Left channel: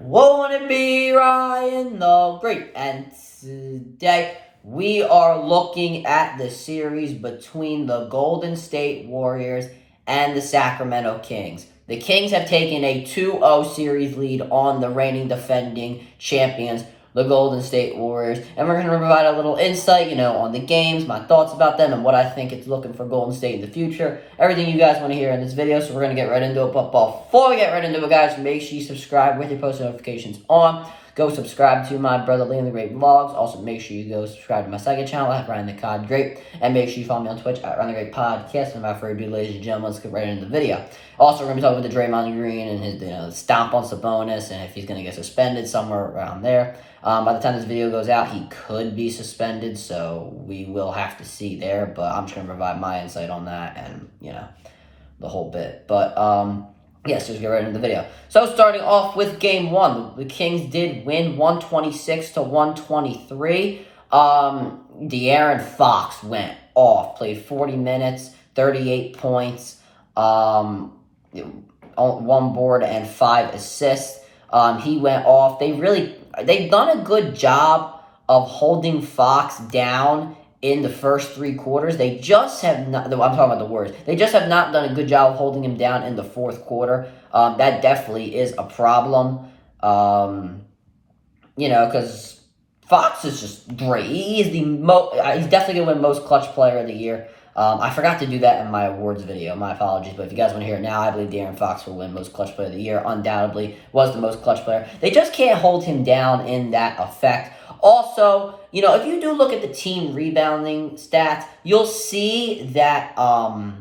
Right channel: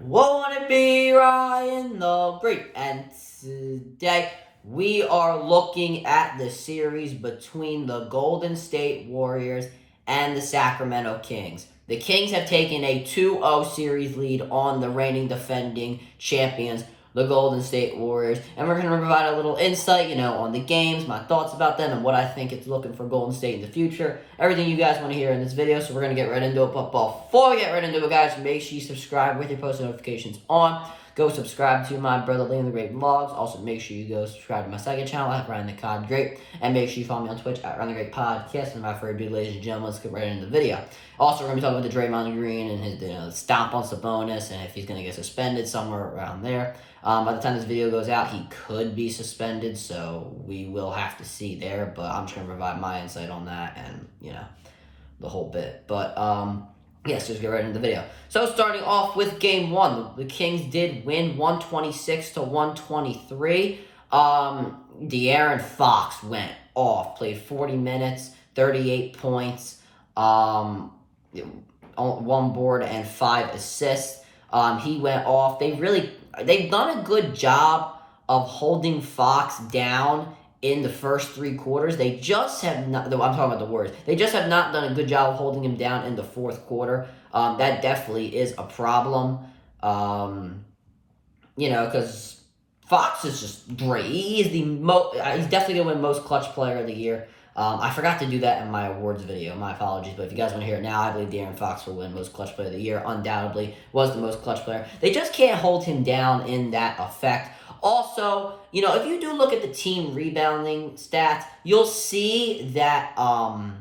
Won't it be Ryan the Great? And today we are looking at the series between the Golden State Warriors and the Sacramento Kings. The Kings have taken a 2-0 series lead on the reigning defending champions, the Golden State Warriors, and we're going to provide a little insight, on the games, my thoughts about them, and what I think it's looking for Golden State in the future. Everything you guys want to hear in this video, so we're going to get right into it. But before we get right into it, guys, make sure you subscribe with your post notifications on. Go subscribe to my brother Liam the Great Vlogs. Also, make sure you go subscribe to my second channel at Ryan the Cod Great. And make sure you follow me on Twitch at Ryan the Great Podcast. And without further ado, ladies and gentlemen, let's get right into the video. Also, we're going to be talking about the Draymond Green and his stomp on Sabonis and if he's going to get suspended somewhere around there. By the time this video goes out, he could be suspended, so we will have to see there. But I'm just going to provide my insight on that and, the whole bit. But, yes, let's get right into the video. So starting off with Game 1, the Kings did win 126-123. De'Aaron Fox went off, played 40 minutes, 38 points, 1 board and 5 assists. He went off. They've done a good job of holding Fox down in the first 3 quarters. They just have not, I'm talking about the Warriors. They just have not done a good job of holding him down in the fourth quarter. That definitely is a problem. Because Fox is just great. He is he's definitely going to win most clutch player of the year. I forgot to do that in my awards video. My apologies. But if you guys want to hear it now, I believe De'Aaron Fox will win most clutch player of the year. Undoubtedly was the most clutch player. They just can't hold him down in that effect. Also, if you do look at the team rebounding stats, you'll see that, that,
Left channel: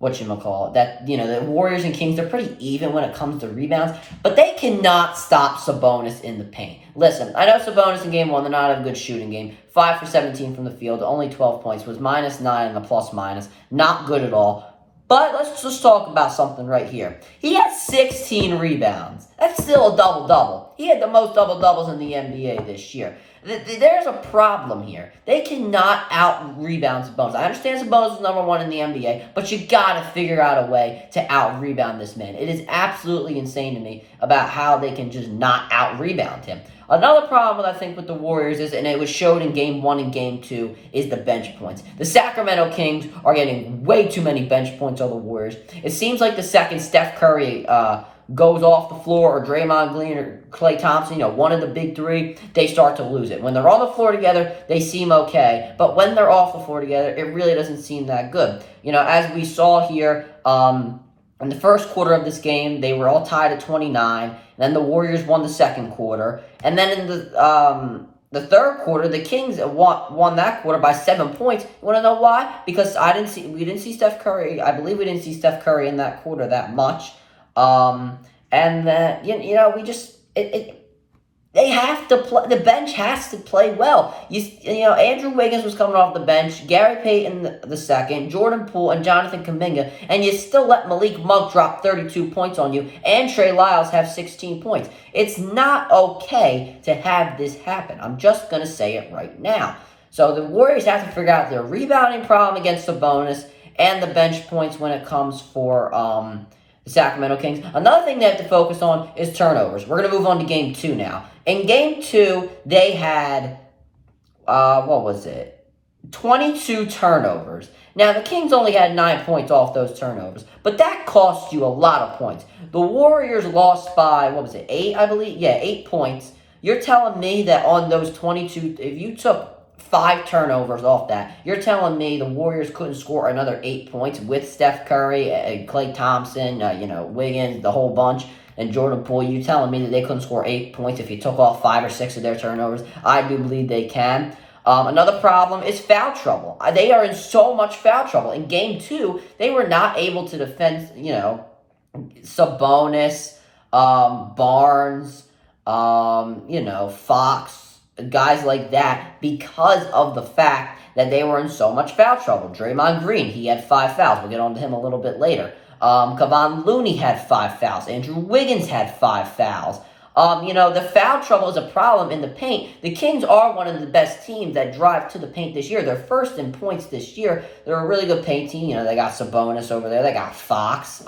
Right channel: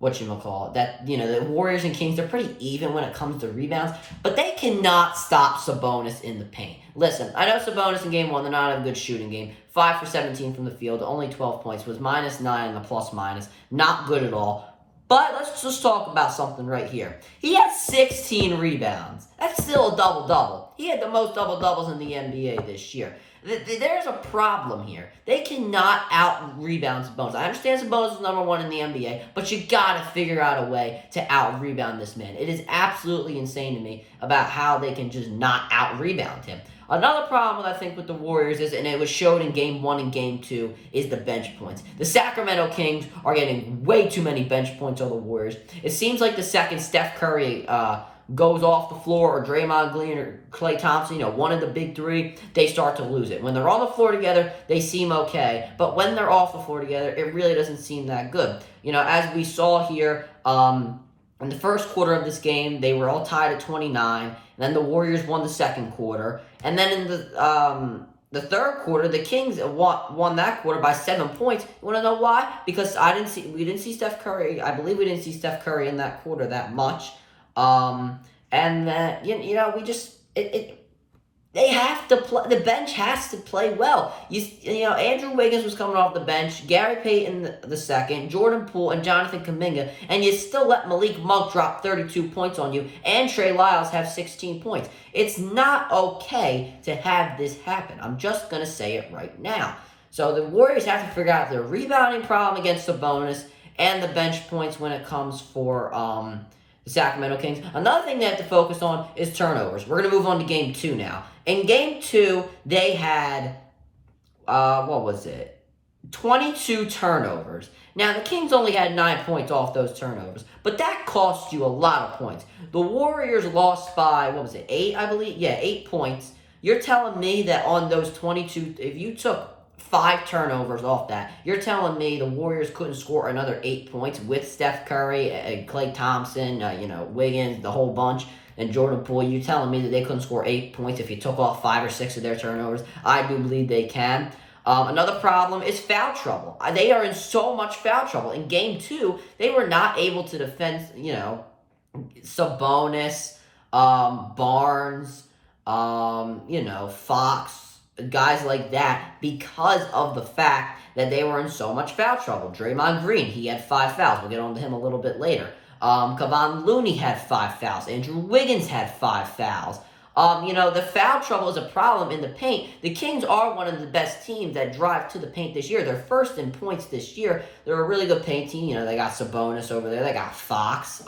the Warriors and Kings, they're pretty even when it comes to rebounds, but they cannot stop Sabonis in the paint. Listen, I know Sabonis in Game 1, they're not a good shooting game. 5 for 17 from the field, only 12 points, was -9 in the plus-minus. Not good at all. But let's just talk about something right here. He had 16 rebounds. That's still a double-double. He had the most double-doubles in the NBA this year. There's a problem here. They cannot out-rebound Sabonis. I understand Sabonis is number 1 in the NBA, but you got to figure out a way to out-rebound this man. It is absolutely insane to me about how they can just not out-rebound him. Another problem, I think, with the Warriors is, and it was showed in Game 1 and Game 2, is the bench points. The Sacramento Kings are getting way too many bench points on the Warriors. It seems like the second Steph Curry goes off the floor, or Draymond Green or Klay Thompson, one of the big 3, they start to lose it. When they're on the floor together, they seem okay. But when they're off the floor together, it really doesn't seem that good. As we saw here, in the first quarter of this game, they were all tied at 29. And then the Warriors won the second quarter. And then in the third quarter, the Kings won that quarter by 7 points. You want to know why? Because we didn't see Steph Curry. I believe we didn't see Steph Curry in that quarter that much. And then they have to play. The bench has to play well. Andrew Wiggins was coming off the bench, Gary Payton the second, Jordan Poole, and Jonathan Kuminga, and you still let Malik Monk drop 32 points on you, and Trey Lyles have 16 points. It's not okay to have this happen. I'm just gonna say it right now. So the Warriors have to figure out their rebounding problem against Sabonis and the bench points when it comes for the Sacramento Kings. Another thing they have to focus on is turnovers. We're going to move on to Game 2 now. In Game 2, they had, 22 turnovers. Now, the Kings only had 9 points off those turnovers, but that cost you a lot of points. The Warriors lost by, 8, I believe? Yeah, 8 points. You're telling me that on those 22, if you took 5 turnovers off that, you're telling me the Warriors couldn't score another 8 points with Steph Curry, Klay Thompson, Wiggins, the whole bunch, and Jordan Poole. You're telling me that they couldn't score 8 points if you took off 5 or 6 of their turnovers? I do believe they can. Another problem is foul trouble. They are in so much foul trouble. In Game 2, they were not able to defend, Sabonis, Barnes, Fox, guys like that, because of the fact that they were in so much foul trouble. Draymond Green, he had 5 fouls. We'll get on to him a little bit later. Kevon Looney had 5 fouls. Andrew Wiggins had 5 fouls. The foul trouble is a problem in the paint. The Kings are one of the best teams that drive to the paint this year. They're first in points this year. They're a really good paint team. They got Sabonis over there. They got Fox.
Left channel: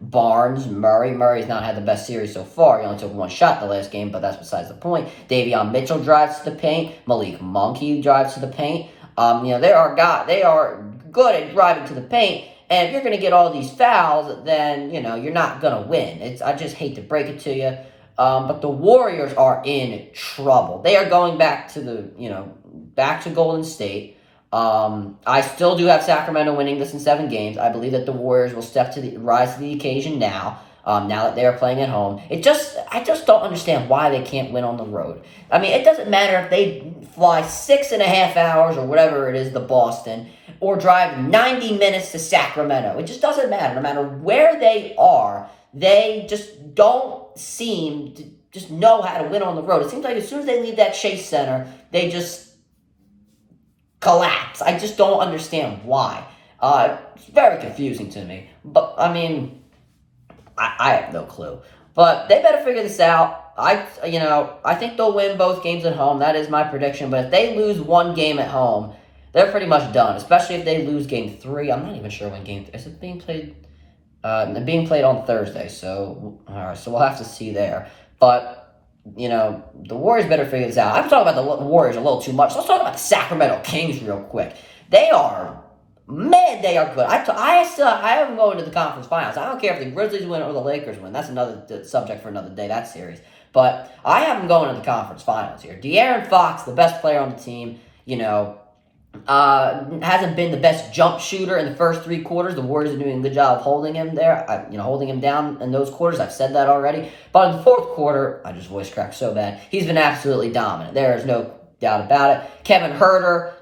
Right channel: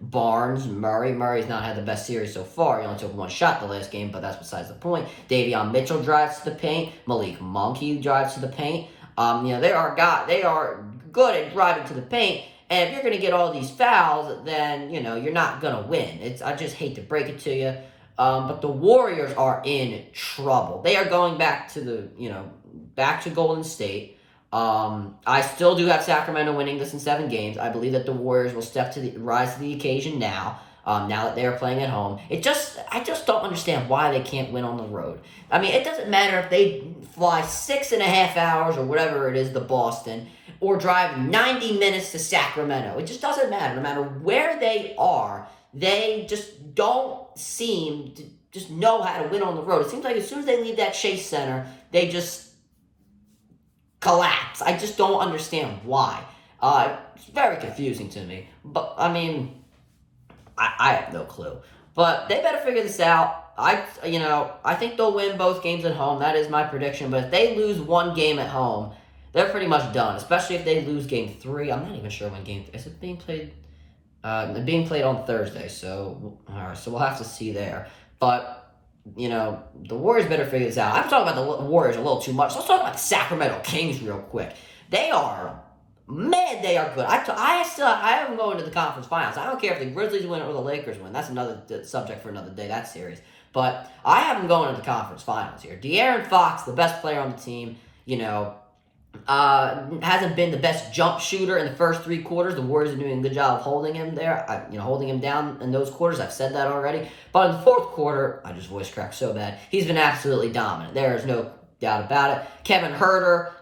Barnes, Murray. Murray's not had the best series so far. He only took one shot the last game, but that's besides the point. Davion Mitchell drives to the paint. Malik Monk, he drives to the paint. They are good at driving to the paint. And if you're going to get all these fouls, then, you're not going to win. I just hate to break it to you. But the Warriors are in trouble. They are going back to Golden State. I still do have Sacramento winning this in 7 games. I believe that the Warriors will rise to the occasion now. Now that they are playing at home. I just don't understand why they can't win on the road. I mean, it doesn't matter if they fly 6.5 hours or whatever it is to Boston, or drive 90 minutes to Sacramento. It just doesn't matter. No matter where they are, they just don't seem to just know how to win on the road. It seems like as soon as they leave that Chase Center, they just collapse. I just don't understand why. It's very confusing to me. But, I mean, I have no clue. But they better figure this out. I think they'll win both games at home. That is my prediction. But if they lose one game at home, they're pretty much done. Especially if they lose game 3. I'm not even sure when game 3 is. It being played? Being played on Thursday. So all right. So we'll have to see there. But the Warriors better figure this out. I'm talking about the Warriors a little too much. Let's talk about the Sacramento Kings real quick. They are good. I have them going to the conference finals. I don't care if the Grizzlies win or the Lakers win. That's another subject for another day, that series. But I have them going to the conference finals here. De'Aaron Fox, the best player on the team, hasn't been the best jump shooter in the first 3 quarters. The Warriors are doing a good job of holding him there, holding him down in those quarters. I've said that already. But in the 4th quarter, I just voice cracked so bad. He's been absolutely dominant. There is no doubt about it. Kevin Huerter,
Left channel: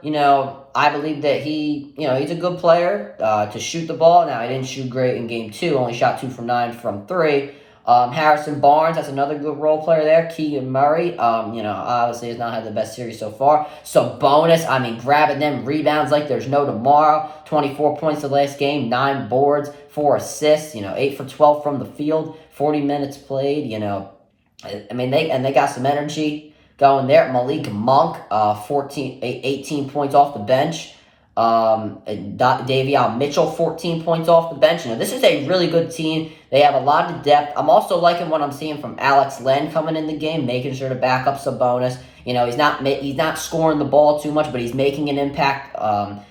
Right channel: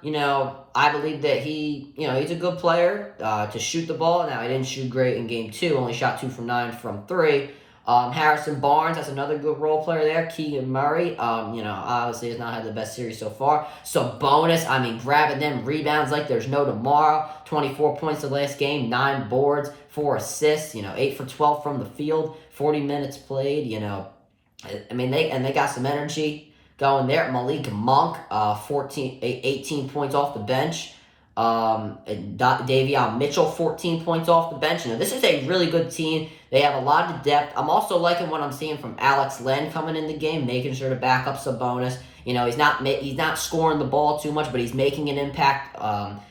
I believe that he's a good player to shoot the ball. Now, he didn't shoot great in game 2. Only shot 2 from 9 from 3. Harrison Barnes, that's another good role player there. Keegan Murray, obviously has not had the best series so far. Sabonis, grabbing them rebounds like there's no tomorrow. 24 points the last game, 9 boards, 4 assists, 8 for 12 from the field, 40 minutes played, they got some energy going there. Malik Monk, 18 points off the bench. Davion Mitchell, 14 points off the bench. This is a really good team. They have a lot of depth. I'm also liking what I'm seeing from Alex Len coming in the game, making sure to back up Sabonis. He's not scoring the ball too much, but he's making an impact,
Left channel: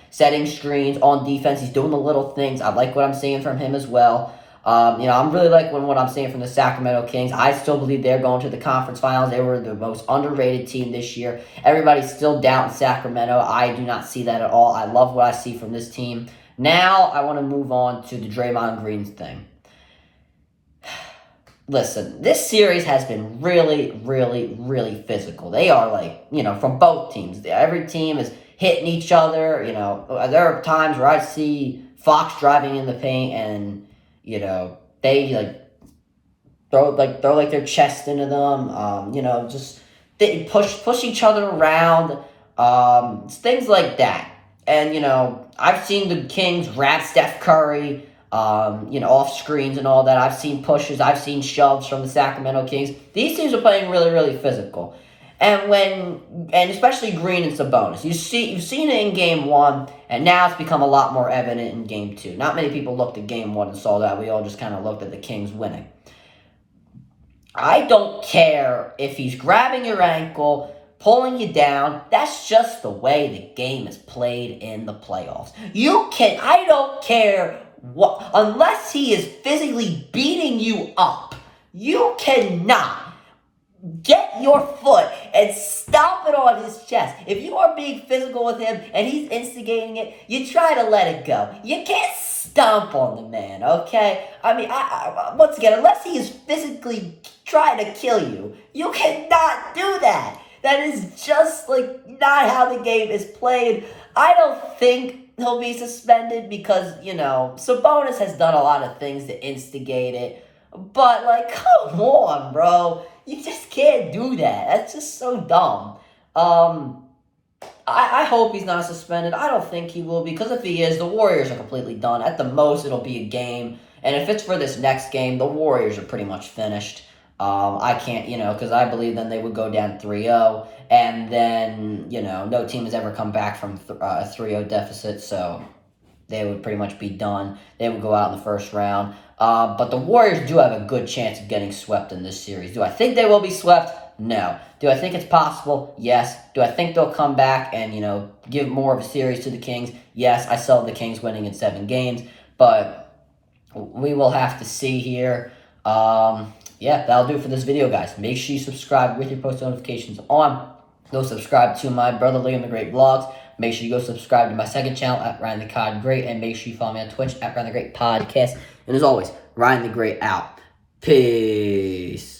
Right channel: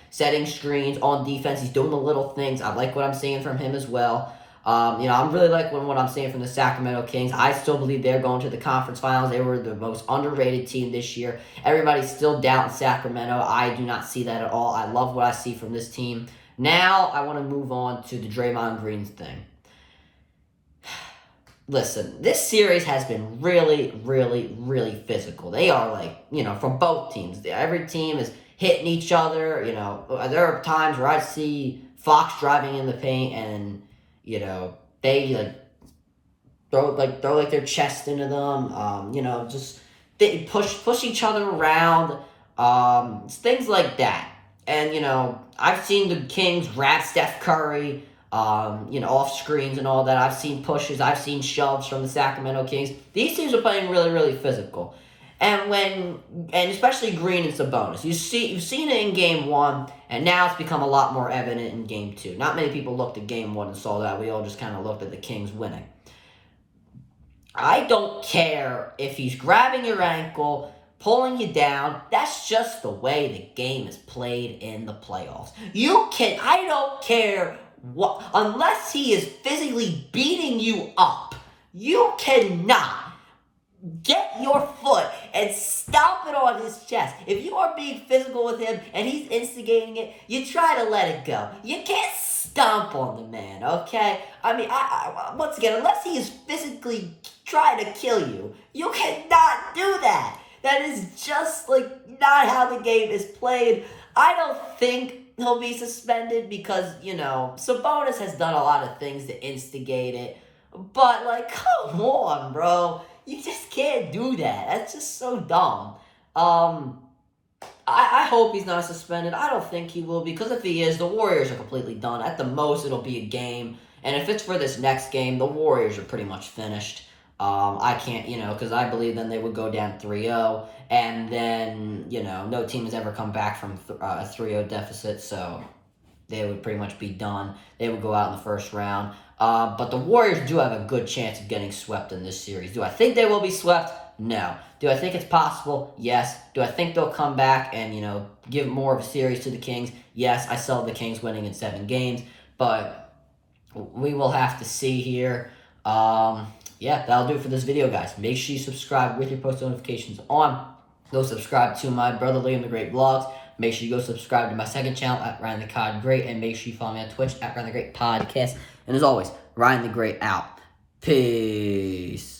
setting screens on defense. He's doing the little things. I like what I'm seeing from him as well. I'm really liking what I'm seeing from the Sacramento Kings. I still believe they're going to the conference finals. They were the most underrated team this year. Everybody's still doubting Sacramento. I do not see that at all. I love what I see from this team. Now, I want to move on to the Draymond Green thing. Listen, this series has been really, really, really physical. They are from both teams. Every team is hitting each other. There are times where I see Fox driving in the paint and they throw their chest into them. Just they push each other around. Things like that. And I've seen the Kings wrap Steph Curry, off screens and all that. I've seen pushes. I've seen shoves from the Sacramento Kings. These teams are playing really, really physical. And especially Green and Sabonis. You've seen it in game 1, and now it's become a lot more evident in game 2. Not many people looked at game 1 and saw that. We all just kind of looked at the Kings winning. I don't care if he's grabbing your ankle, pulling you down. That's just the way the game is played in the playoffs. I don't care what, unless he is physically beating you up, you cannot get your foot and stomp it on his chest. If you are being physical with him and he's instigating it, you try to let it go. You can't stomp on the man, okay? I once again, unless he is physically trying to kill you, you cannot do that. That is just not how the game is played. I don't think he'll be suspended because, Sabonis has done a lot of things to instigate it. But, come on, bro. You just can't do that. That's just so dumb. I hope he's not suspended. I don't think he will, because if he is, the Warriors are completely done. At the most, it'll be a game. And if it's for this next game, the Warriors are pretty much finished. I can't, because I believe then they would go down 3-0. And then, no team has ever come back from a 3-0 deficit. So, they would pretty much be done. They would go out in the first round. But the Warriors do have a good chance of getting swept in this series. Do I think they will be swept? No. Do I think it's possible? Yes. Do I think they'll come back and, give more of a series to the Kings? Yes. I saw the Kings winning in 7 games, but we will have to see here. Yeah, that'll do it for this video, guys. Make sure you subscribe with your post notifications on. Go subscribe to my brother Liam the Great Vlogs. Make sure you go subscribe to my second channel at Ryan the Cod Great, and make sure you follow me on Twitch at Ryan the Great Podcast. And as always, Ryan the Great out. Peace.